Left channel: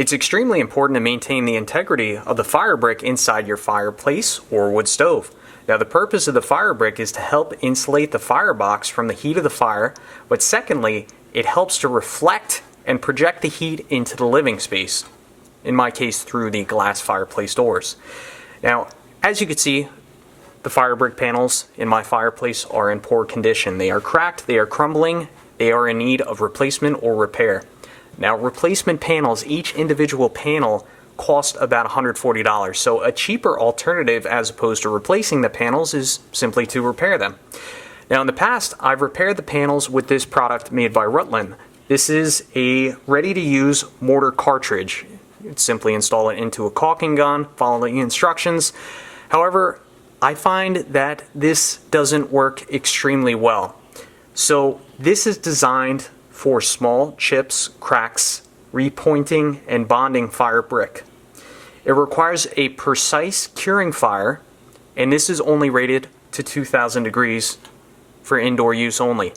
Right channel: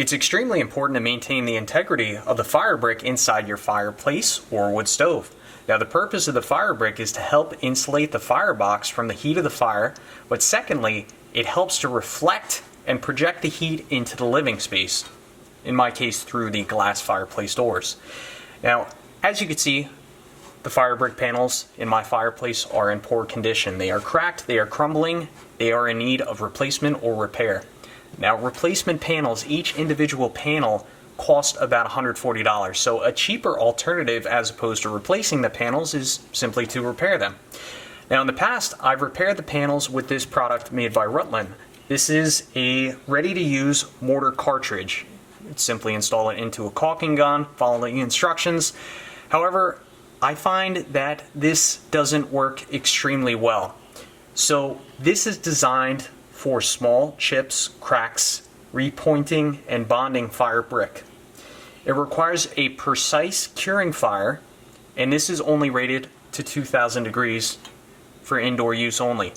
It's extremely important to maintain the integrity of the firebrick inside your fireplace or wood stove. Now, the purpose of the firebrick is to help insulate the firebox from the heat of the fire, but secondly, it helps to reflect and project the heat into the living space, in my case through the glass fireplace doors. Now, as you can see, the firebrick panels in my fireplace are in poor condition. They are cracked, they are crumbling, they are in need of replacement or repair. Now, replacement panels, each individual panel cost about $140, so a cheaper alternative as opposed to replacing the panels is simply to repair them. Now, in the past, I've repaired the panels with this product made by Rutland. This is a ready-to-use mortar cartridge. Simply install it into a caulking gun, follow the instructions. However, I find that this doesn't work extremely well. So this is designed for small chips, cracks, repointing, and bonding fire brick. It requires a precise curing fire, and this is only rated to 2,000 degrees for indoor use only.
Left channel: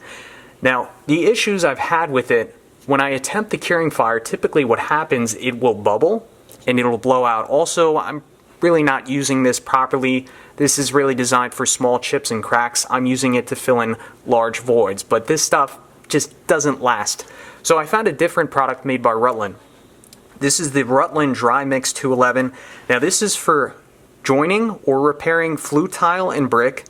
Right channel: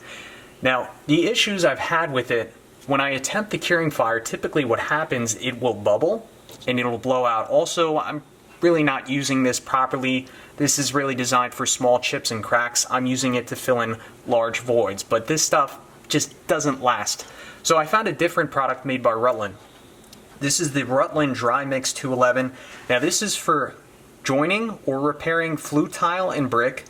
Now, the issues I've had with it, when I attempt the curing fire, typically what happens, it will bubble and it'll blow out. Also, I'm really not using this properly. This is really designed for small chips and cracks. I'm using it to fill in large voids, but this stuff just doesn't last. So I found a different product made by Rutland. This is the Rutland Dry Mix 211. Now, this is for joining or repairing flue tile and brick,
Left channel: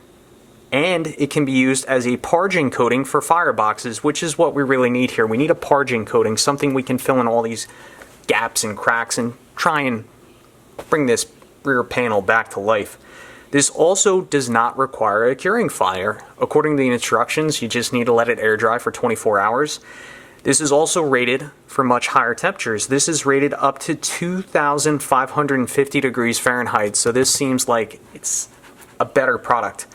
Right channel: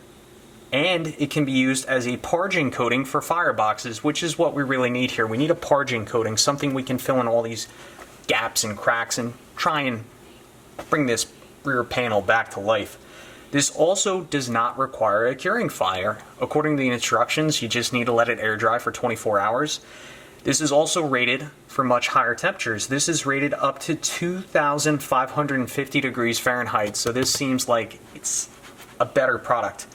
and it can be used as a parging coating for fireboxes, which is what we really need here. We need a parging coating, something we can fill in all these gaps and cracks and try and bring this rear panel back to life. This also does not require a curing fire. According to the instructions, you just need to let it air dry for 24 hours. This is also rated for much higher temperatures. This is rated up to 2,550 degrees Fahrenheit, so this seems like it's a better product.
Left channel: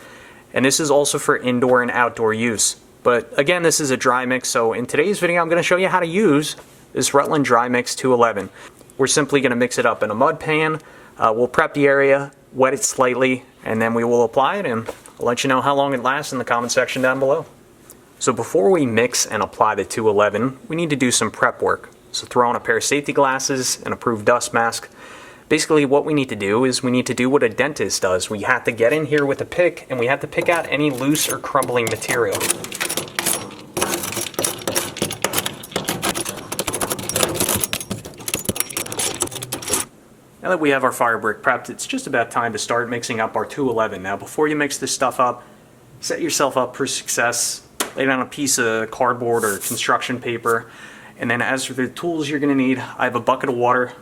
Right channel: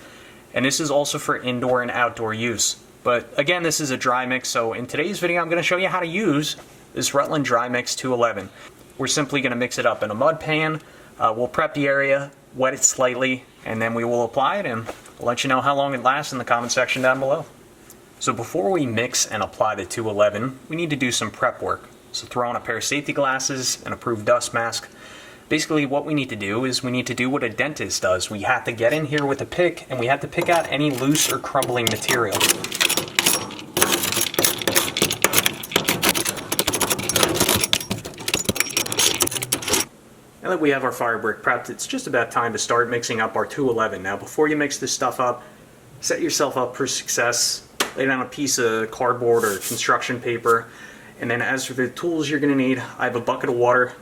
And this is also for indoor and outdoor use. But again, this is a dry mix, so in today's video I'm going to show you how to use this Rutland Dry Mix 211. We're simply going to mix it up in a mud pan. We'll prep the area, wet it slightly, and then we will apply it, and I'll let you know how long it lasts in the comment section down below. So before we mix and apply the 211, we need to do some prep work. So throw on a pair of safety glasses, an approved dust mask. Basically what we need to do is we need to do what a dentist does. We have to get in here with a pick, and we have to pick out any loose or crumbling material. Now that we have our firebrick prepped, it's just about time to start mixing up our 211. Now, before you mix this stuff up, set yourself up for success. Lay down a piece of cardboard or construction paper, and then as for the tools you're going to need, I have a bucket of water.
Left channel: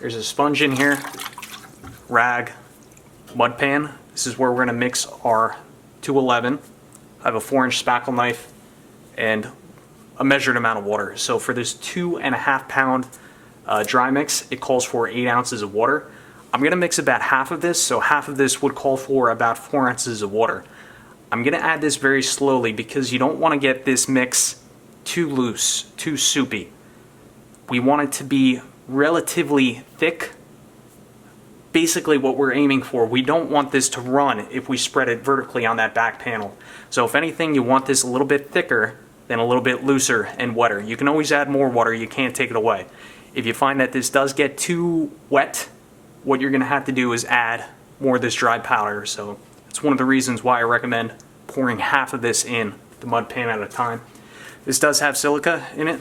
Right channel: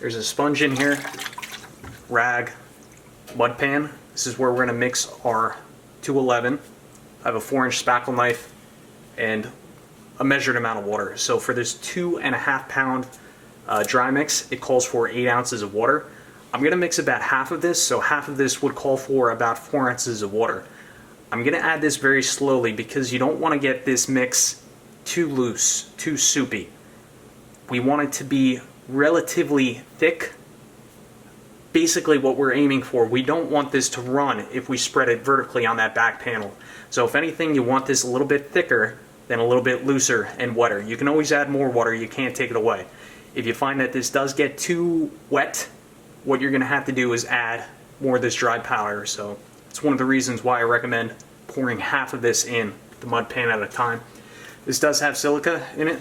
There's a sponge in here, rag, mud pan. This is where we're going to mix our 211. I have a 4-inch spackle knife and a measured amount of water. So for this 2.5 pound dry mix, it calls for 8 ounces of water. I'm going to mix about half of this, so half of this would call for about 4 ounces of water. I'm going to add this very slowly because you don't want to get this mix too loose, too soupy. We want it to be relatively thick. Basically what we're aiming for, we don't want this to run if we spread it vertically on that back panel. So if anything, you want this a little bit thicker than a little bit looser and wetter. You can always add more water, you can't take it away. If you find that this does get too wet, what you're going to have to do is add more of this dry powder. So it's one of the reasons why I recommend pouring half of this in the mud pan at a time. This does have silica in it,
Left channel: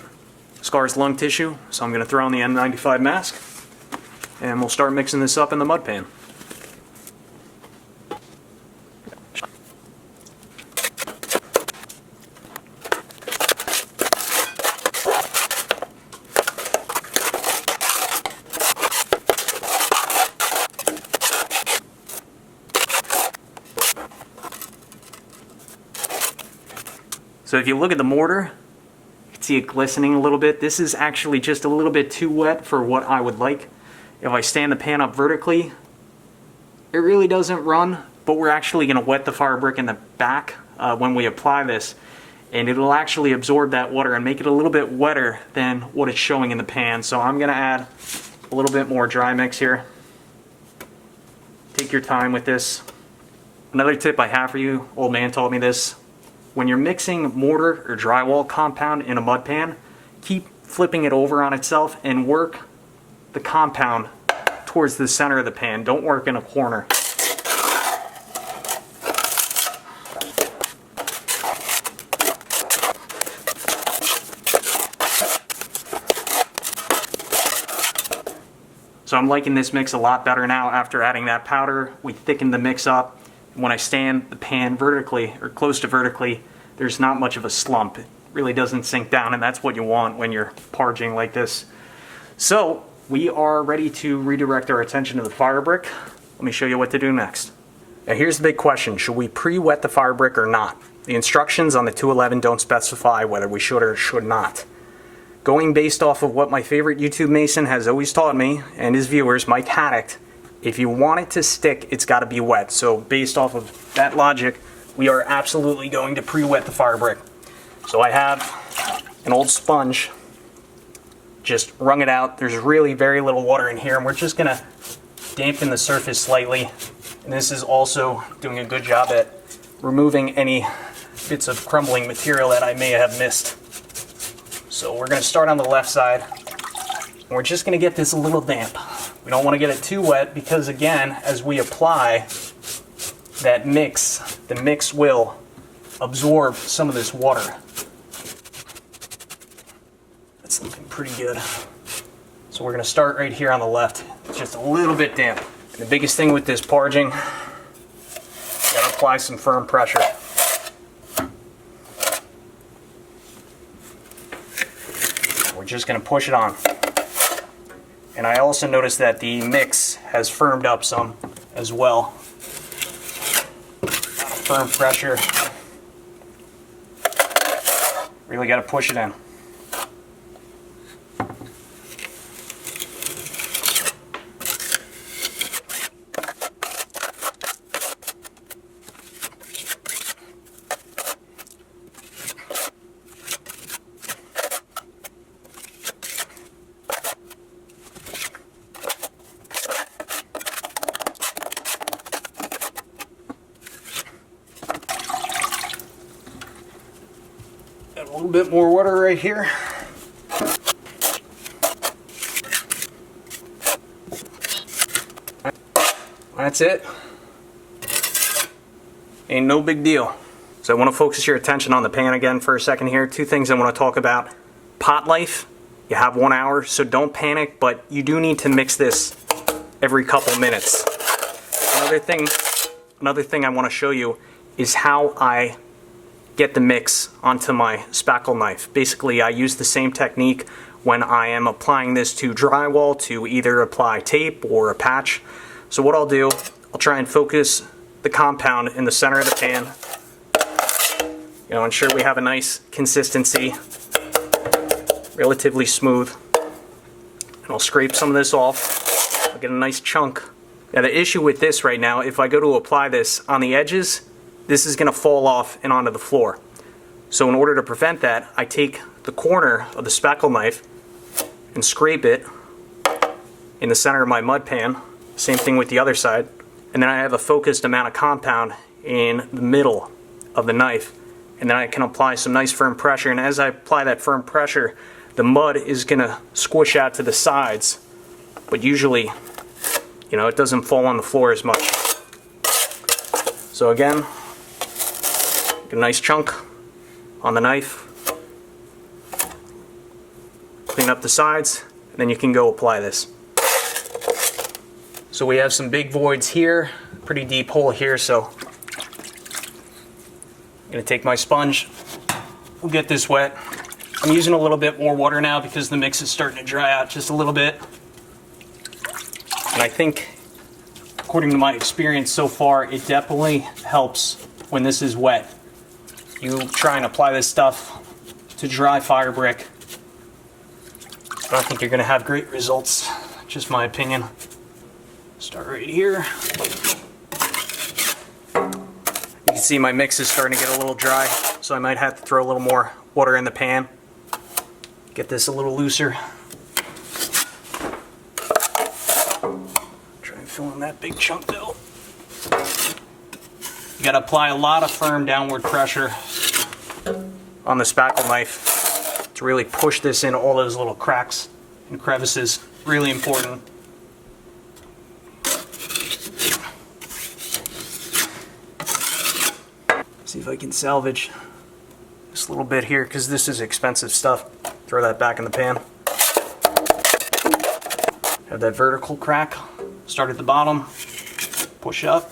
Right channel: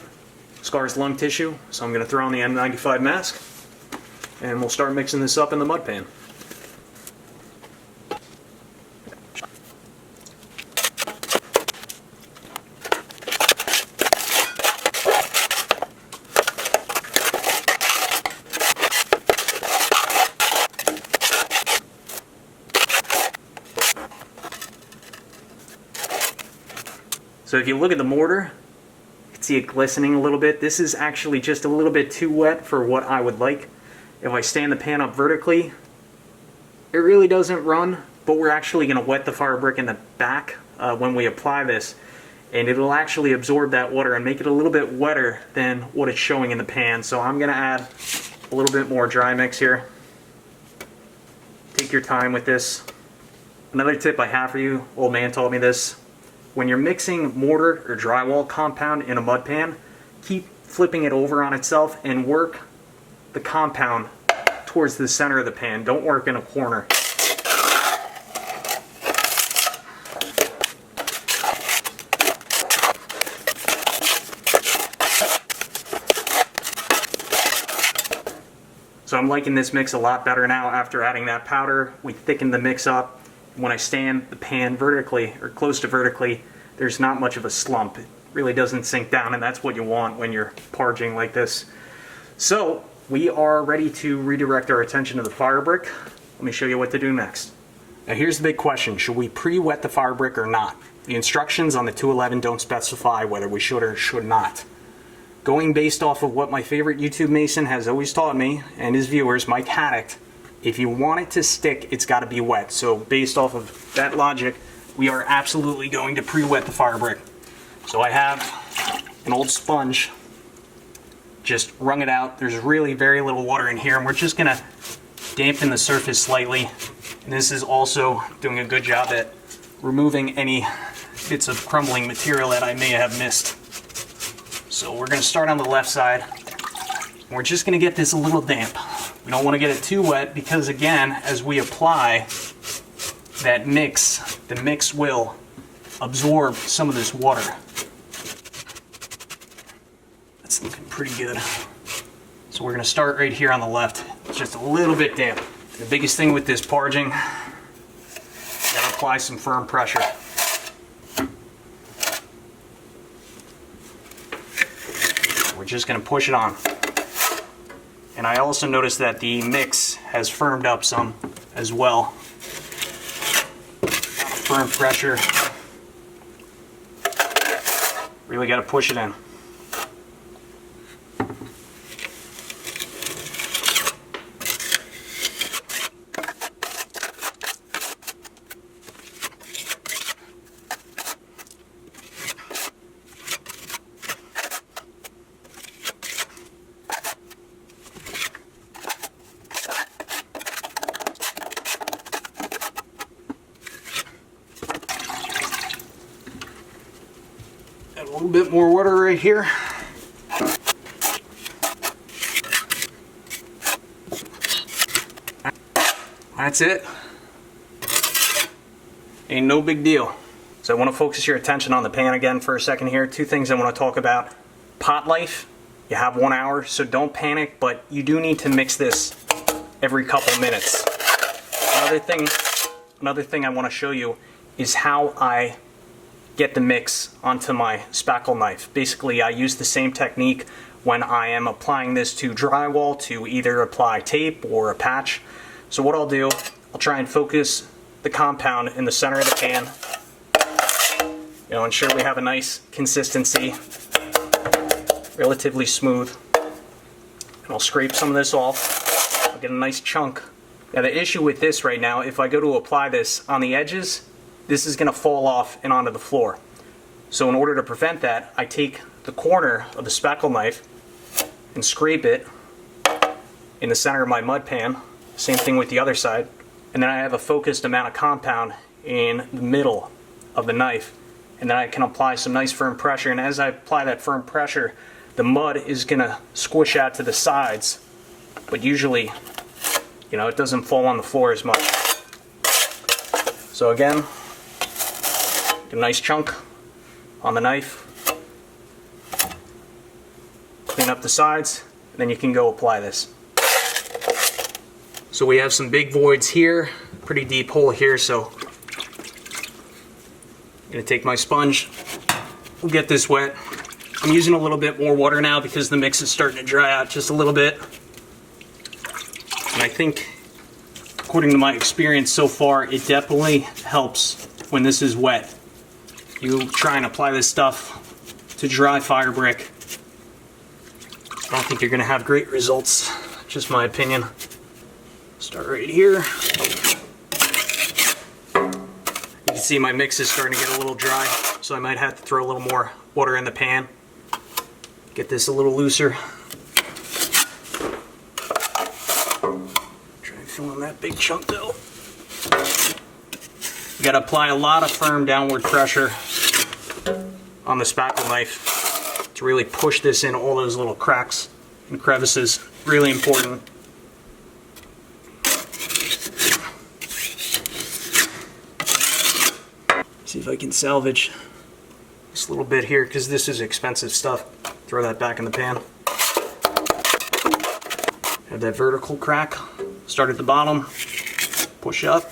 scars lung tissue, so I'm going to throw on the N95 mask and we'll start mixing this up in the mud pan. So if you look at the mortar, you can see it glistening a little bit. This is actually just a little bit too wet for what I would like. If I stand the pan up vertically, it really doesn't run, but we're actually going to wet the firebrick in the back when we apply this, and it'll actually absorb that water and make it a little bit wetter than what it's showing in the pan. So I'm going to add a little bit more dry mix here. Take your time with this. Another tip I have for you, old man taught me this. When you're mixing mortar or drywall compound in a mud pan, keep flipping it over on itself and work the compound towards the center of the pan. Don't work in a corner. So I'm liking this mix a lot better now after adding that powder. We thickened the mix up. When I stand the pan vertically, or close to vertically, there's not much of a slump. It really doesn't sink down, and that's what you want when you're parging like this. So we are ready to redirect our attention to the Firebrick. Let me show you what to do next. Now here's the big question. Should we pre-wet the Firebrick or not? The instructions on the 211 don't specify whether we should or should not. Going based off of what my favorite YouTube Mason has always taught me, and his viewers, Mike Haddock, if you want it to stick, it's got to be wet. So based off of that logic, we are absolutely going to pre-wet the Firebrick. So I have an old sponge, just wrung it out. There's really very little water in here, and we're just going to dampen the surface slightly. And this is also doing a good job at removing any bits of crumbling material that I may have missed. So we're going to start on the left side. And we're just going to get this a little damp. We don't want to get it too wet because, again, as we apply that mix, the mix will absorb some of this water. That's looking pretty good. So we're going to start right here on the left. It's just a little bit damp. The biggest thing with this parging, you got to apply some firm pressure. We're just going to push it on. And I also noticed that the mix has firmed up some as well. Firm pressure. Really got to push it in. Add a little bit more water right here. That's it. Ain't no big deal. So I want to focus your attention on the pan again for a second here. Two things I want to talk about. Pot life. You have 1 hour, so don't panic, but you do need to mix this every couple minutes. Another thing I want to show you is how I get the mix onto my spackle knife. Basically, I use the same technique when I am applying this to drywall to either apply tape or a patch. So what I'll do, I'll try and focus the compound in the center of the pan. Ensure we have a nice consistency, relatively smooth. And I'll scrape some of this off. I'll get a nice chunk. Now the issue with this right now, if I go to apply this on the edges, this is going to fall off and onto the floor. So in order to prevent that, I take the corner of the spackle knife and scrape it in the center of my mud pan. Same thing with the other side. And then I have a focused amount of compound in the middle of the knife. And then I can apply some nice firm pressure. And as I apply that firm pressure, the mud is going to squish out to the sides. But usually, it doesn't fall on the floor as much. So again, get a nice chunk on the knife. Clean up the sides, and then you can go apply this. So we have some big voids here, pretty deep hole here, so I'm going to take my sponge, we'll get this wet. I'm using a little bit more water now because the mix is starting to dry out just a little bit. And I think, according to my experience so far, it definitely helps when this is wet. You try and apply this stuff to dry Firebrick, I don't think you're going to have great results, just my opinion. Start right here. You can see my mix is starting to get a little dry, so I might have to throw a little more water in the pan. Get this a little looser. Try and fill in that big chunk though. You got to apply a lot of firm downward pressure on the spackle knife to really push this in all those little cracks and crevices. Really important. See if I can salvage this little bit here, because this is expensive stuff. Throw that back in the pan. Have that vertical crack. Start at the bottom, push up.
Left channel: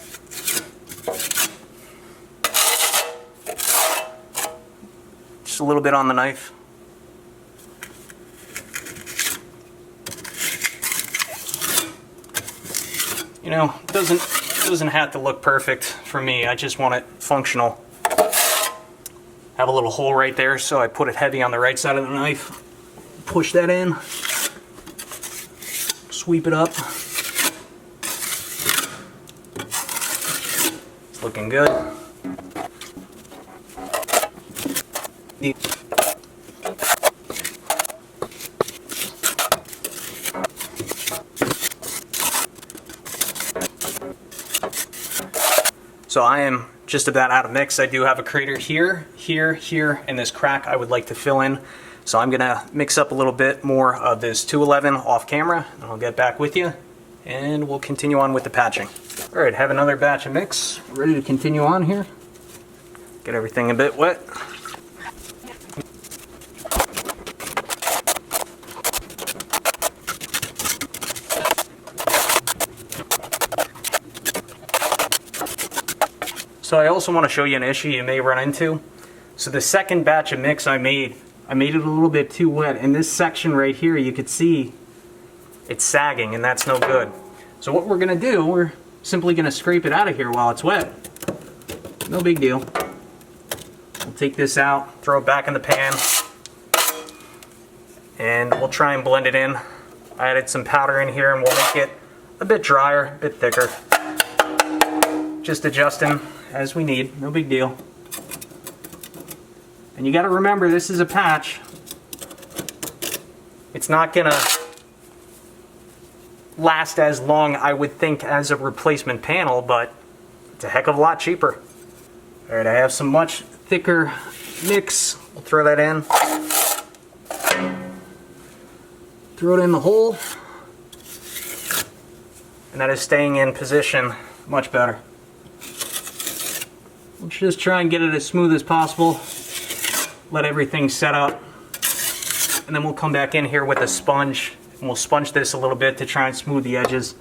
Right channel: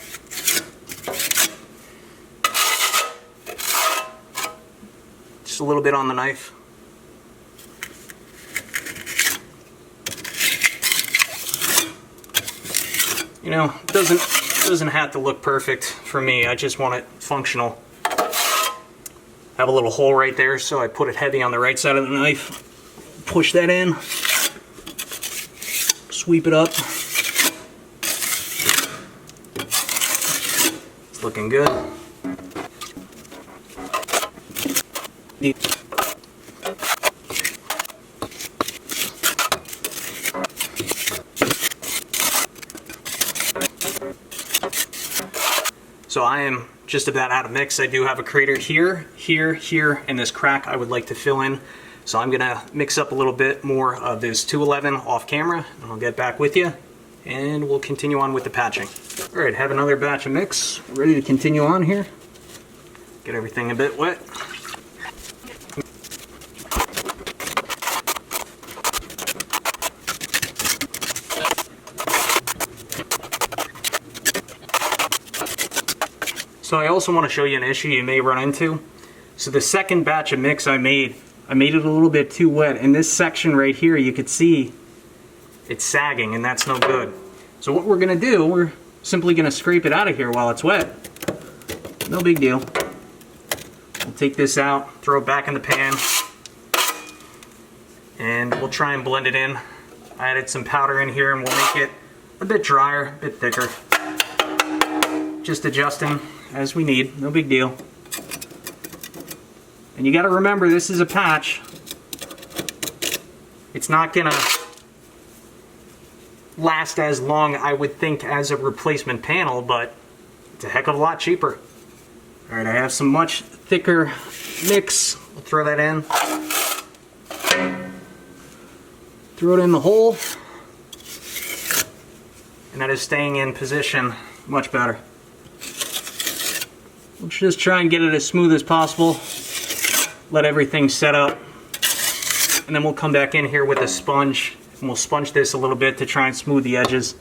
Just a little bit on the knife. You know, it doesn't have to look perfect for me. I just want it functional. Have a little hole right there, so I put it heavy on the right side of the knife. Push that in. Sweep it up. It's looking good. So I am just about out of mix. I do have a crater here, here, and this crack I would like to fill in. So I'm gonna mix up a little bit more of this 211 off camera, and I'll get back with you, and we'll continue on with the patching. All right, have another batch of mix, ready to continue on here. Get everything a bit wet. So I also want to show you an issue you may run into. So the second batch of mix I made it a little bit too wet. In this section right here, you could see it's sagging, and that's no good. So what we're going to do, we're simply going to scrape it out of here while it's wet. No big deal. We'll take this out, throw it back in the pan, and we'll try and blend it in. I added some powder in here, and we'll make it a bit drier, a bit thicker. Just adjusting as we need, no big deal. And you got to remember, this is a patch. It's not gonna last as long, I would think, as a replacement panel, but it's a heck of a lot cheaper. All right, I have some much thicker mix. We'll throw that in. Throw it in the hole. And that is staying in position much better. Let's just try and get it as smooth as possible. Let everything set up. And then we'll come back in here with a sponge, and we'll sponge this a little bit to try and smooth the edges.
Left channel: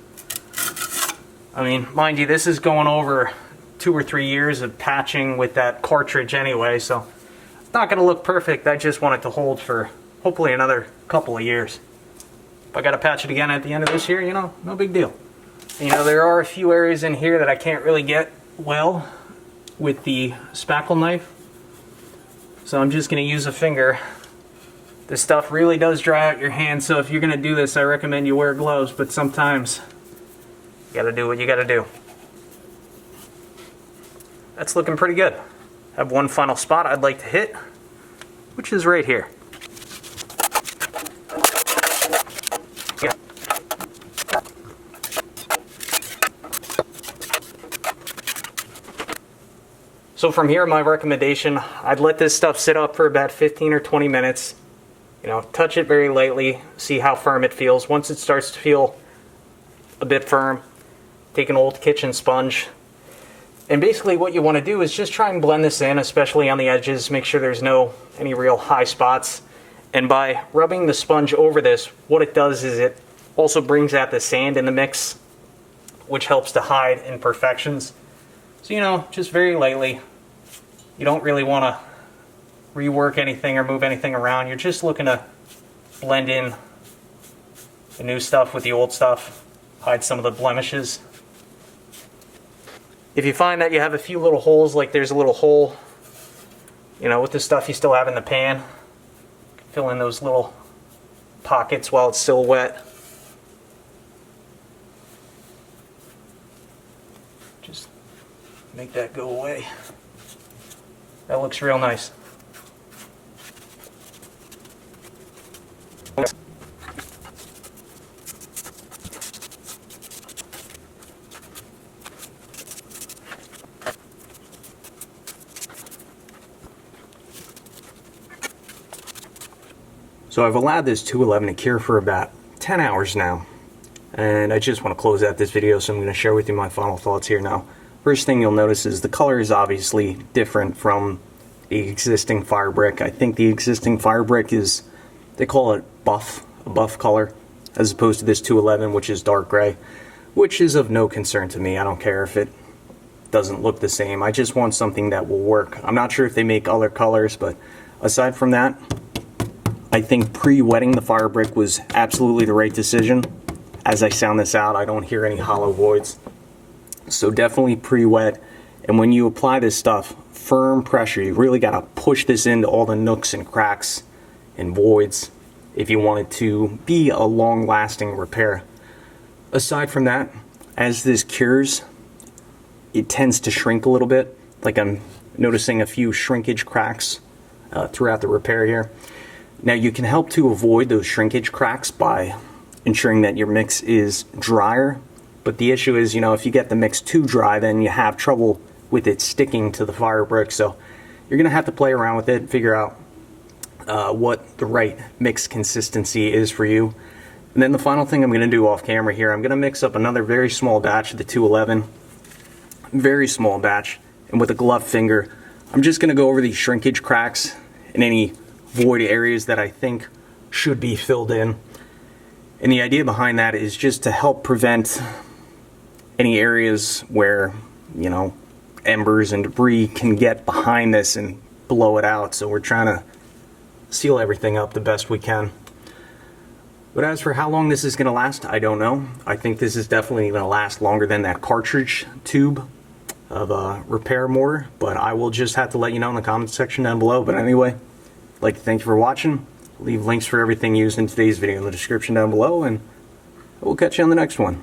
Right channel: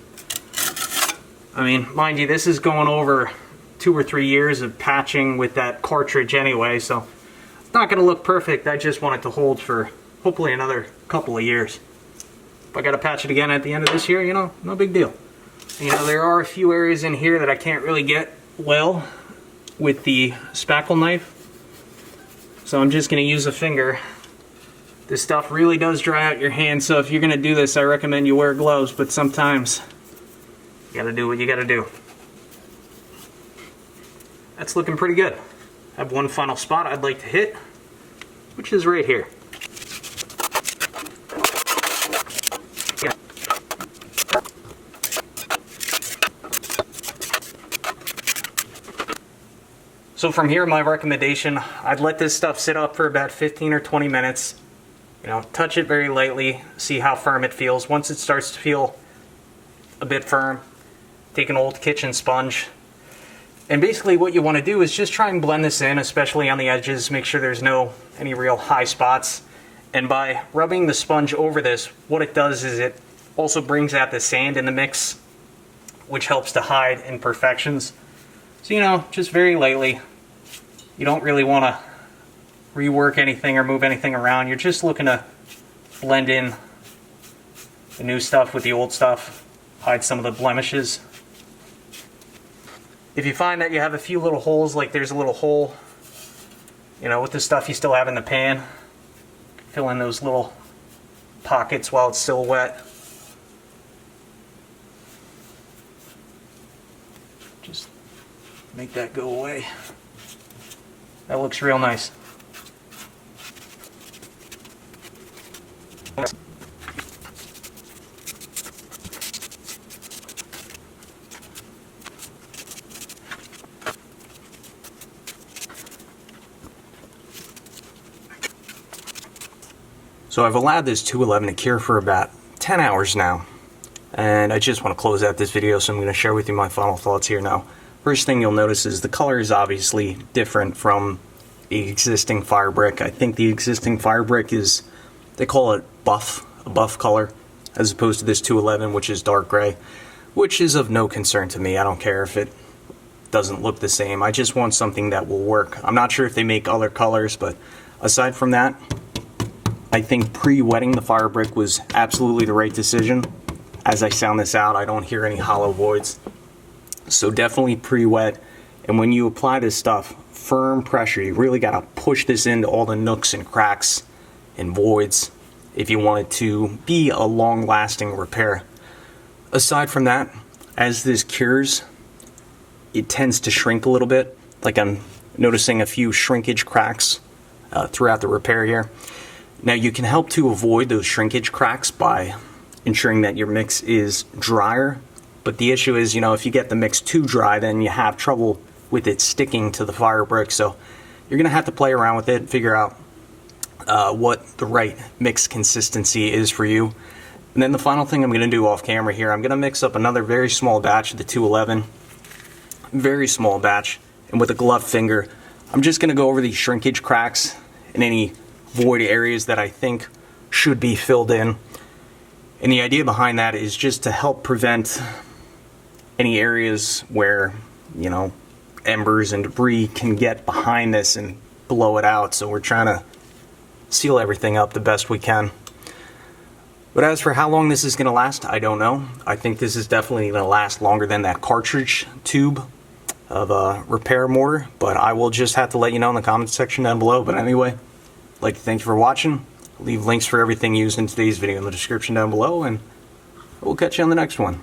I mean, mind you, this is going over 2 or 3 years of patching with that cartridge anyway, so it's not going to look perfect. I just want it to hold for hopefully another couple of years. If I got to patch it again at the end of this year, you know, no big deal. You know, there are a few areas in here that I can't really get well with the spackle knife, so I'm just going to use a finger. This stuff really does dry out your hand, so if you're going to do this, I recommend you wear gloves, but sometimes you got to do what you got to do. That's looking pretty good. I have one final spot I'd like to hit, which is right here. So from here, my recommendation, I'd let this stuff sit up for about 15 or 20 minutes. You know, touch it very lightly, see how firm it feels. Once it starts to feel a bit firm, take an old kitchen sponge. And basically what you want to do is just try and blend this in, especially on the edges. Make sure there's any real high spots. And by rubbing the sponge over this, what it does is it also brings out the sand in the mix, which helps to hide imperfections. So, you know, just very lightly. You don't really want to rework anything or move anything around. You're just looking to blend in the new stuff with the old stuff, hide some of the blemishes. If you find that you have a few little holes, like there's a little hole, you know, with the stuff you still have in the pan, fill in those little pockets while it's still wet. Just make that go away. That looks real nice. So I've allowed this 211 to cure for about 10 hours now, and I just want to close out this video, so I'm going to share with you my final thoughts here now. First thing you'll notice is the color is obviously different from the existing Firebrick. I think the existing Firebrick is, they call it buff, a buff color, as opposed to this 211, which is dark gray, which is of no concern to me. I don't care if it doesn't look the same. I just want something that will work. I'm not sure if they make other colors, but aside from that, I think pre-wetting the Firebrick was absolutely the right decision. As I sound this out, I don't hear any hollow voids. So definitely pre-wet. And when you apply this stuff, firm pressure. You really got to push this into all the nooks and cracks and voids if you want it to be a long-lasting repair. Aside from that, as this cures, it tends to shrink a little bit. Like I'm noticing a few shrinkage cracks throughout the repair here. Now you can help to avoid those shrinkage cracks by ensuring that your mix is drier. But the issue is, you know, if you get the mix too dry, then you have trouble with it sticking to the Firebrick. So you're going to have to play around with it, figure out what the right mix consistency is for you. And then the final thing I'm going to do off camera here, I'm going to mix up another very small batch of the 211. Very small batch. And with a gloved finger, I'm just going to go over these shrinkage cracks and any void areas that I think should be filled in. And the idea behind that is just to help prevent any areas where, you know, embers and debris can get behind this and blow it out. So we're trying to seal everything up the best we can. But as for how long this is going to last, I don't know. I think this is definitely going to last longer than that cartridge tube of a repair mortar. But I will just have to let you know in the comments section down below. But anyway, I'd like to thank you for watching. I'll leave links for everything used in today's video in the description down below, and we'll catch you on the next one.